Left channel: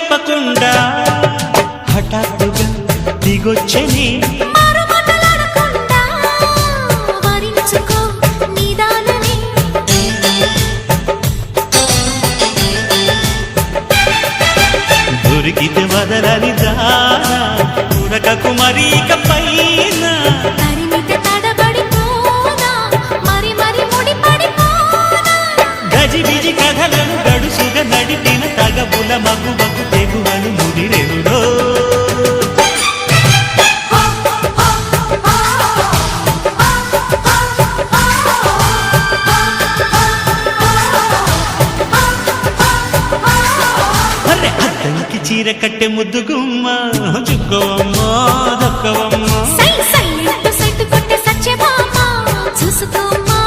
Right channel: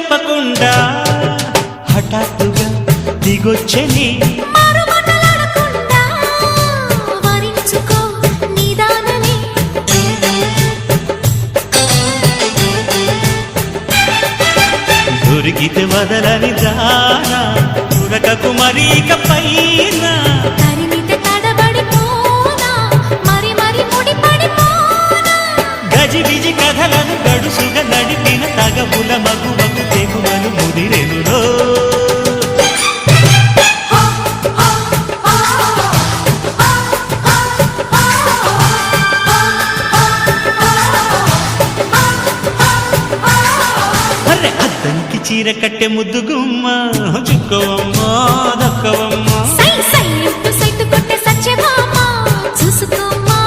చెప్పకుండా హఠాత్తుగా దిగొచ్చని దొరికితే వదలని దానా ఉరకకు మరీక పైన తరిమితే తడబడిపోనా మరి మరి ముడిపడిపోనా గజిబిజి కథలను గడుసుగా నడిపిన తగవుల మగువకు తెగువలు ముదిరెనురో అద్దంకి చీర కట్టె ముద్దు గుమ్మ చుక్కవమ్మా దక్కవమ్మా సై సై అంటూ సైటు కొట్టే సత్యభామ చూసుకోమ్మా